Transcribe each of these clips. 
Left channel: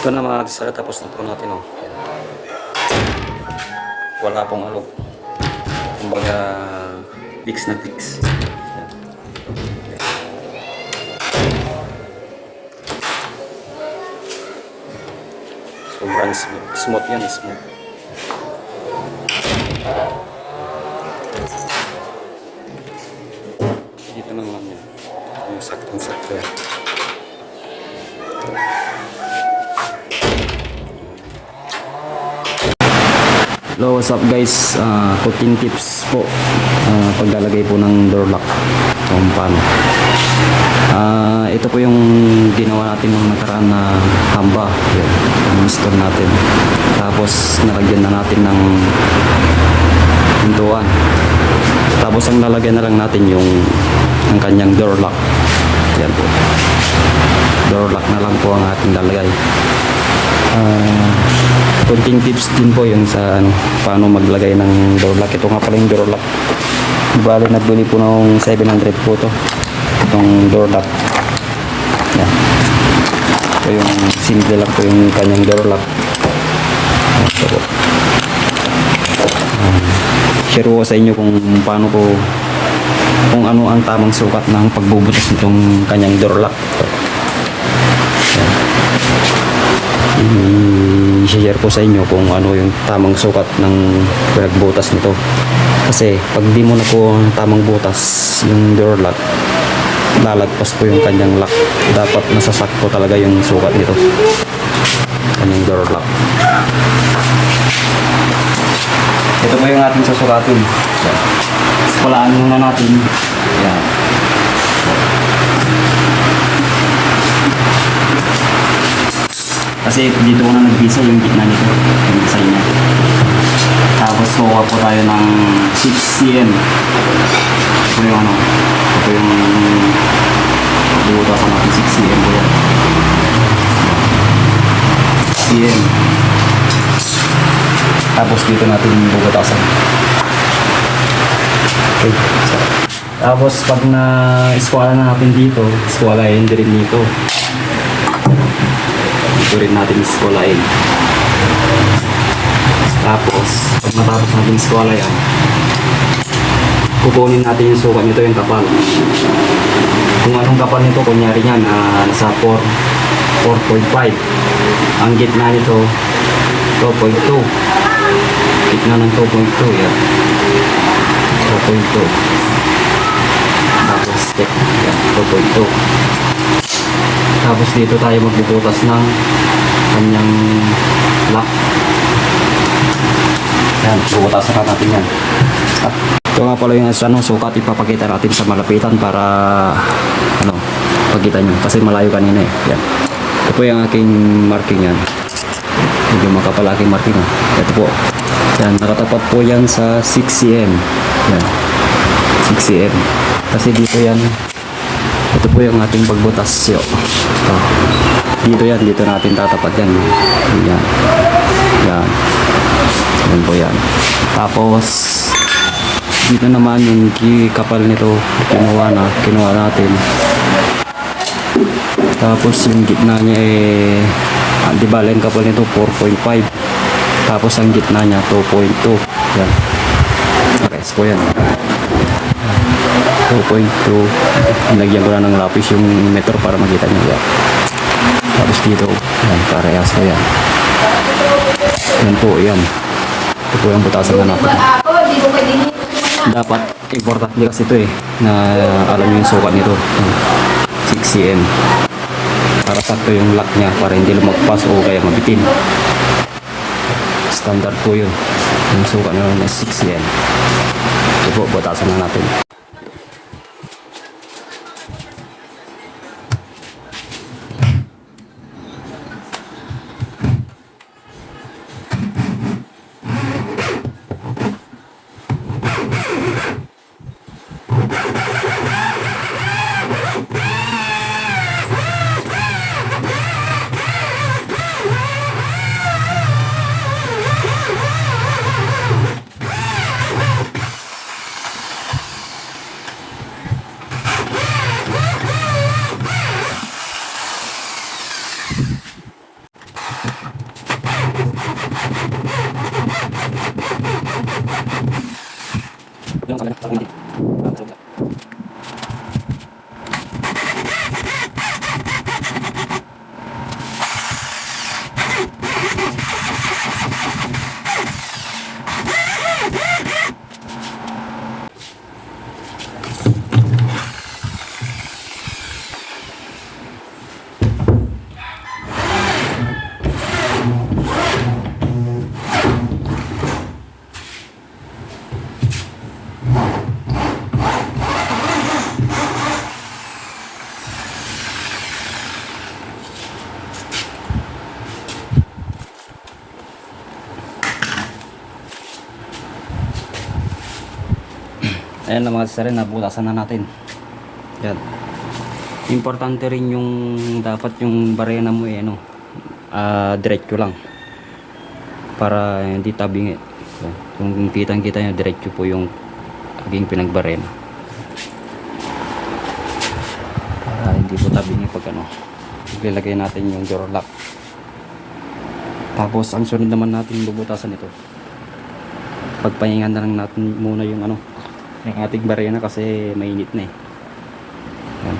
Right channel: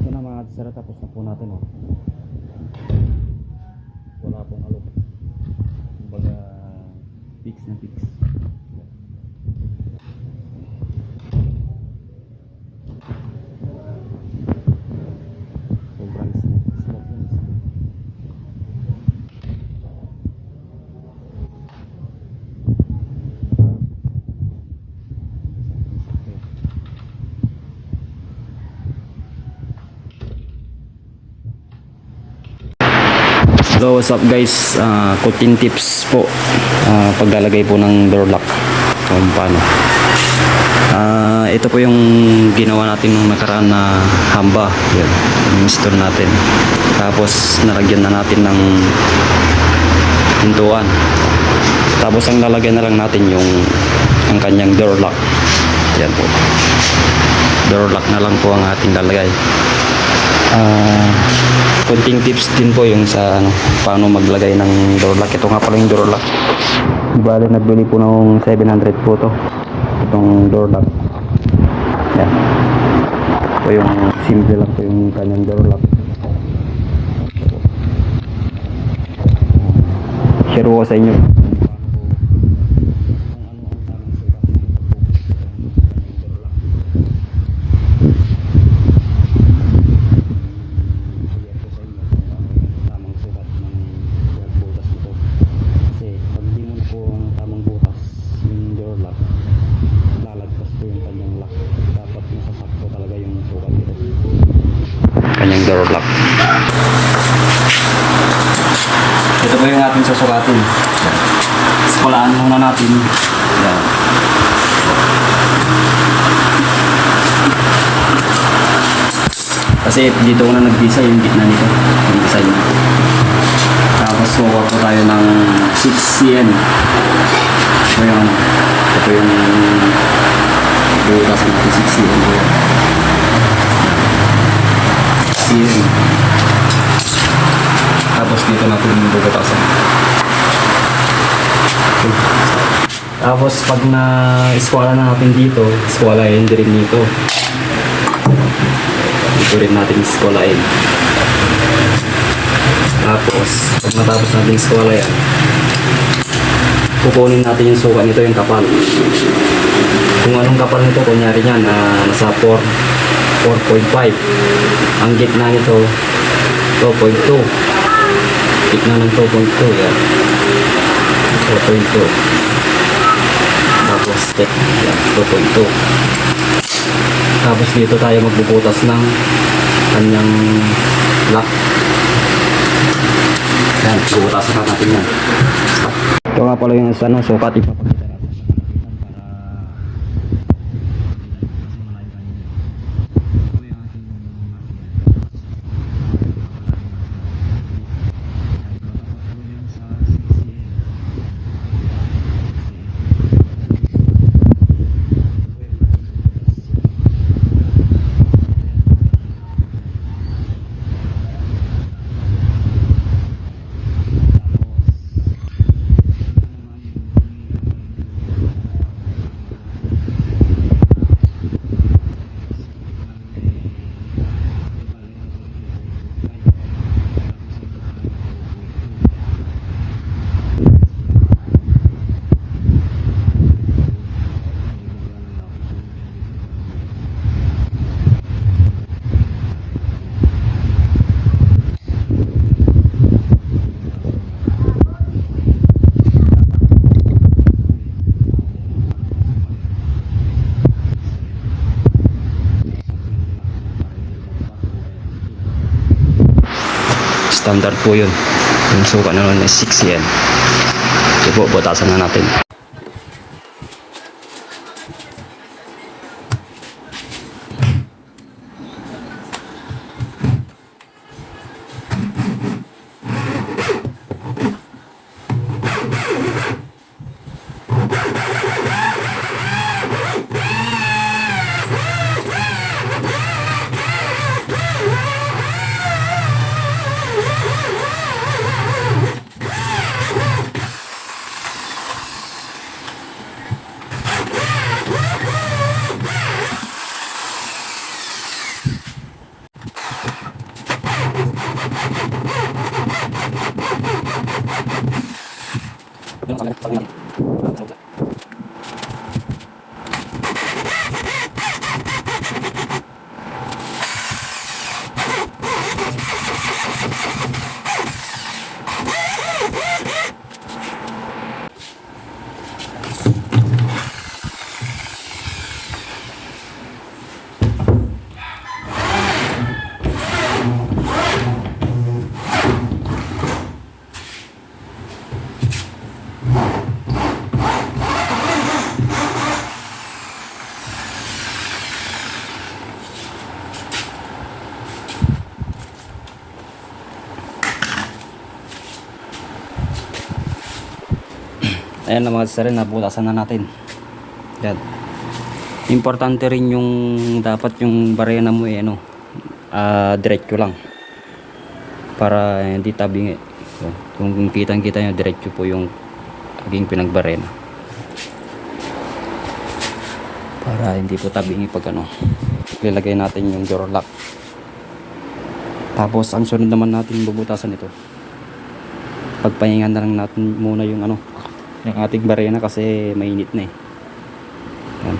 Ito na mga kasara, tapos na po natin, oh. Ayan. Wala pong alog. Kumbaga, fix na fix. Ayan. Sobrang smooth yan, smooth. Dito naman yan. Yung saktong-sakto yan. Hello, what's up guys? Cooking tips po. Paglalagay po ng door lock. Kung paano. Ito po yung ginawa natin ng nakaraan na hamba. Yan. Install natin. Tapos nalagyan na natin ng pintuan. Tapos ang lalagyan na lang natin yung ang kanyang door lock. Yan po. Door lock na lang po ang ating lalagay. Konting tips din po yung sa paano maglagay ng door lock. Ito nga pala yung door lock. Bale, nagbili po ng 700 po to. Itong door lock. Yan. Ito yung simple lang po yung kanyang door lock. Ito po. Share ko sa inyo kung paano po, kung ano ang tamang sukat ng pagbubutas nitong kanyang door lock. I-share ko sa inyo kung ano yung tamang sukat ng pinagbutas nito. Kasi pag di mo na po tamang butas yung door lock, lalagpas po yung kanyang lock. Dapat nasasakto talaga yung sukat nito, kanyang door lock. Ito po yung ating susukatin. Skulaan muna natin. Yan. Kasi dito ko na nagbisa yung gitna nito, yung design niya. Tapos kukuha po tayo ng 6 cm. Ito po yung ito po yung bubutasan natin, 6 cm po yan. 6 cm. Tapos dito natin bubutasan. Tapos pag na-eskwala na natin dito, eskwalahin din dito. Ito rin natin eskwalahin. Tapos pag natapos natin eskwalahin, kukunin natin yung sukat nito, yung kapal. Kung anong kapal nito, kunyari yan, nasa 4.5. Ang gitna nito 2.2. Gitna ng 2.2 yan. 2.2. Tapos yan, 2.2. Tapos dito tayo magbubutas ng kanyang lock. Yan, bubutasan na natin yan. Ito nga pala yung sukat, ipapakita natin sa malapitan para pagkita nyo. Kasi malayo kanina eh. Yan. Ito po yung aking marking yan. Medyo makapal aking marking. Ito po. Yan, nakatapat po yan sa 6 cm. Yan. 6 cm. Kasi dito yan. Ito po yung ating pagbutas. Dito yan, dito natin tatapat yan. Yan. Yan. Yan po yan. Tapos dito naman yung kapal nito, kinuha natin. Tapos yung gitna niya di ba yung kapal nito 4.5. Tapos ang gitna niya 2.2. Yan. Guys po yan. 2.2. Nilagyan ko na ng lapis yung meter para makita nyo yan. Tapos dito yan, parehas ko yan. Yan po, yan. Ito po yung butasan na natin. Dapat importante kasi ito na alam nyo yung sukat nito, 6 cm, para sakto yung lock nya, para hindi lumagpas o kaya mabitin. Standard po yun, yung sukat na nun ay 6 cm. Ito po, butasan na natin. Ayan na mga sir, nabutasan na natin. Yan. Importante rin yung dapat yung barena mo ano, diretso lang. Para hindi tabingi. So, kung kitang-kita nyo, diretso po yung aging pinagbarena. Para hindi po tabingi pag ano. Ilagay natin yung door lock. Tapos ang sunod naman natin bubutasan ito. Pagpahingan na lang natin muna yung ano, yung ating barena kasi mainit na eh. Yan.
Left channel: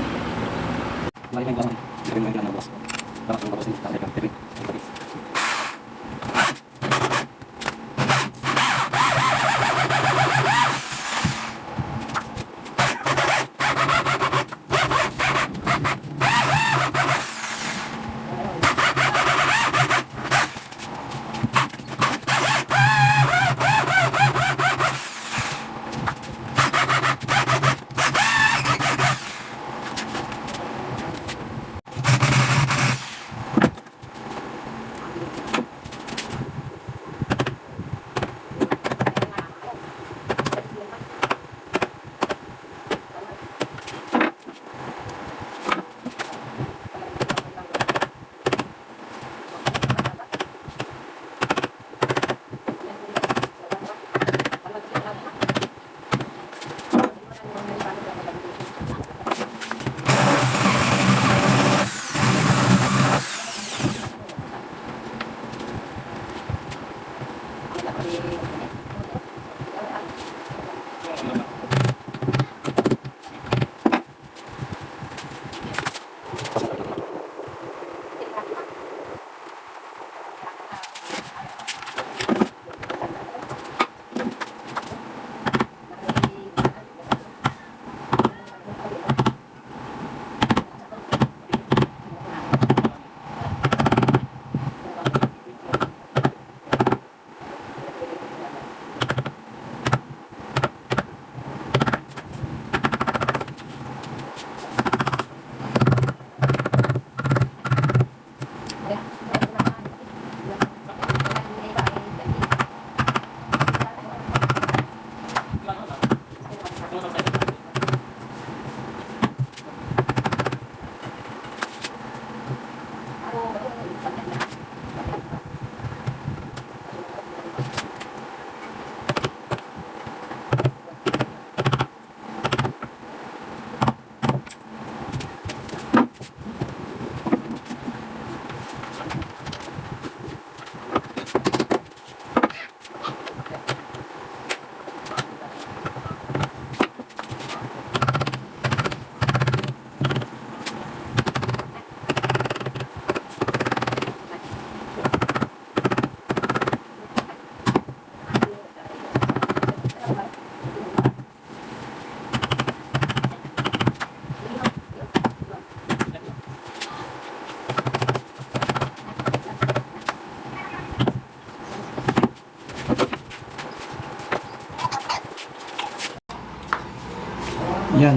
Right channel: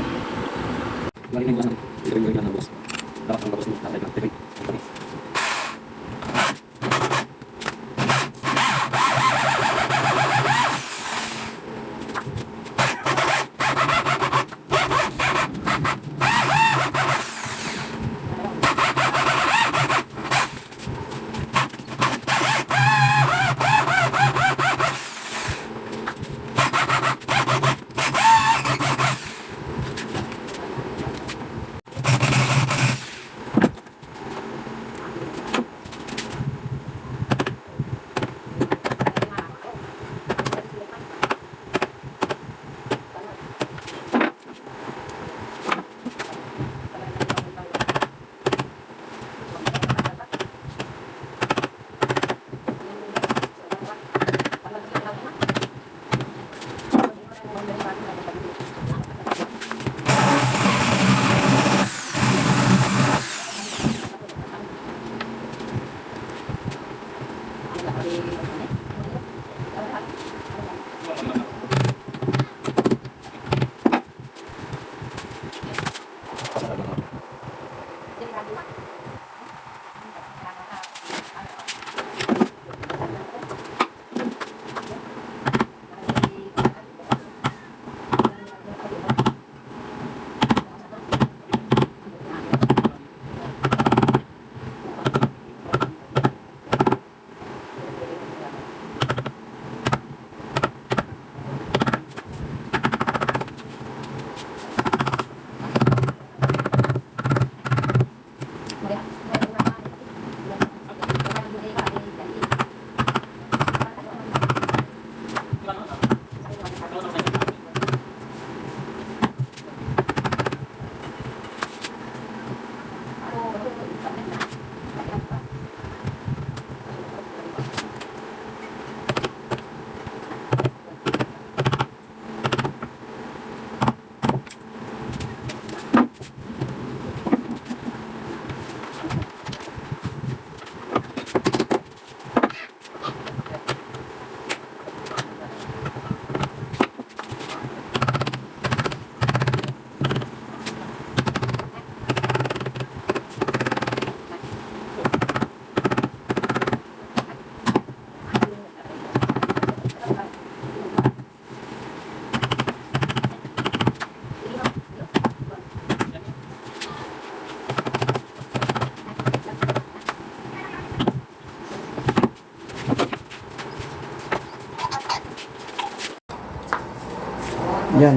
Yan,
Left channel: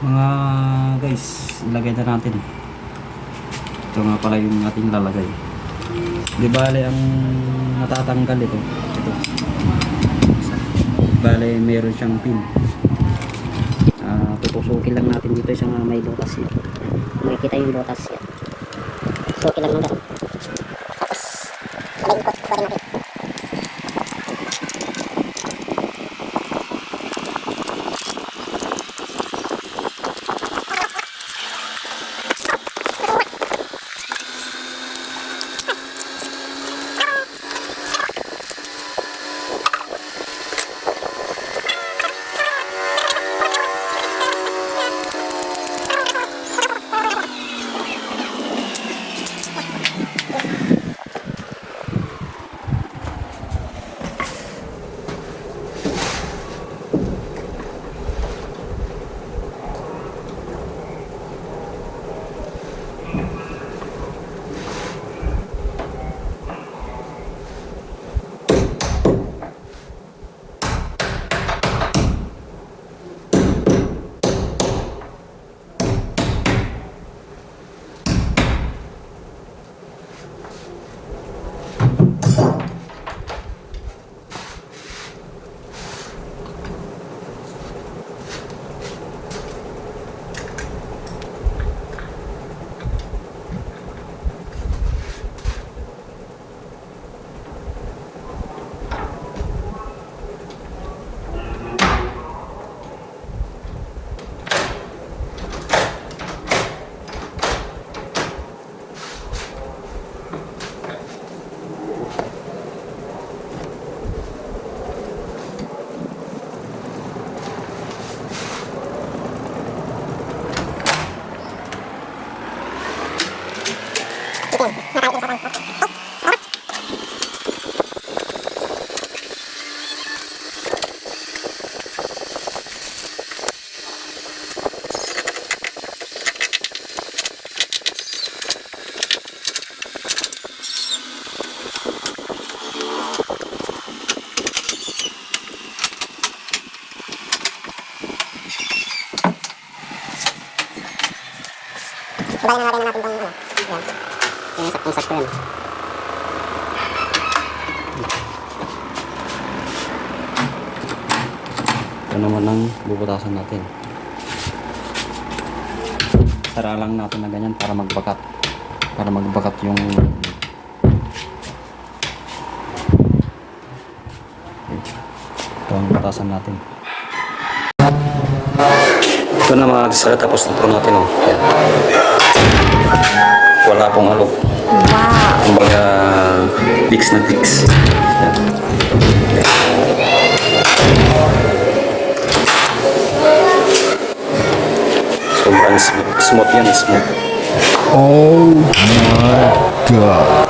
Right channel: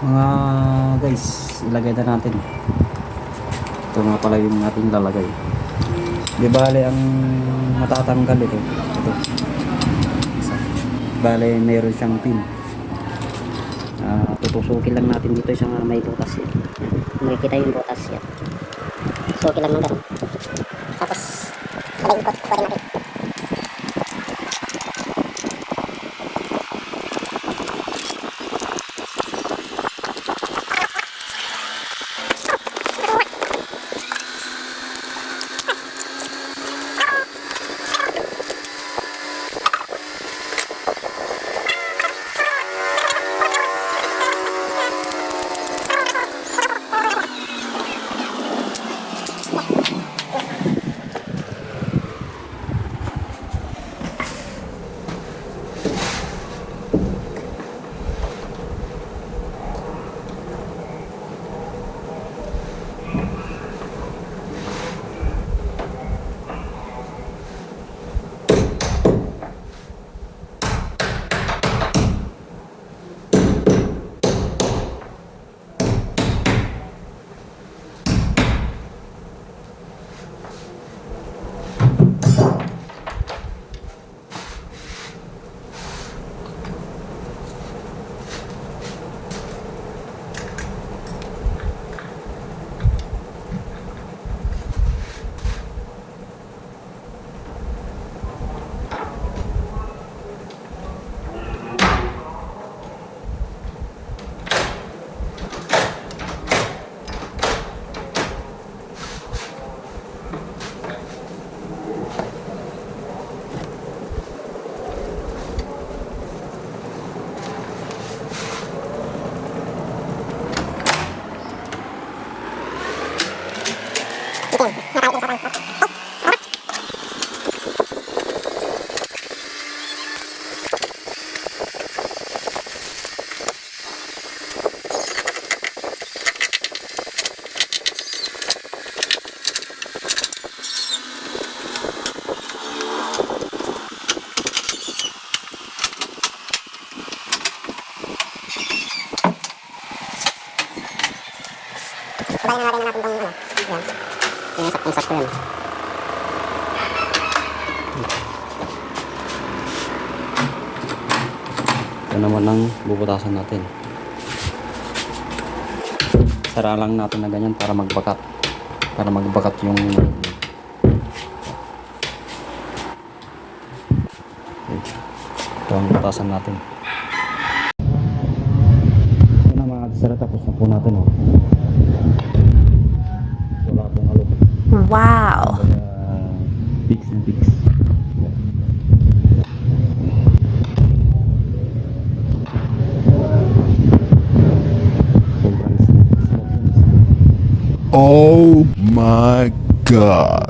mga guys, ilagay na natin. Ito nga pala yung ating lalagay. Di bale ang matatanggal ito. Ito. Bale meron siyang pin. Tutusukin lang natin dito sa may butas yan. Makikita yung butas yan. Suki lang ng ganun. Tapos, palingkot ko rin natin. Kubayin na natin natin itong ano. Yan. Yung saktong-sakto yan. Ito naman ang bubutasan natin. Sara lang natin na ganyan para magbakat. Para magbakat yung ito ang butasan natin. Ito na mga kasara, tapos ito natin oh. Ayan. Wala pong alok. Wow! Kumbaga fix na fix. Ayan. Sobrang smooth yan, smooth. Oh my god.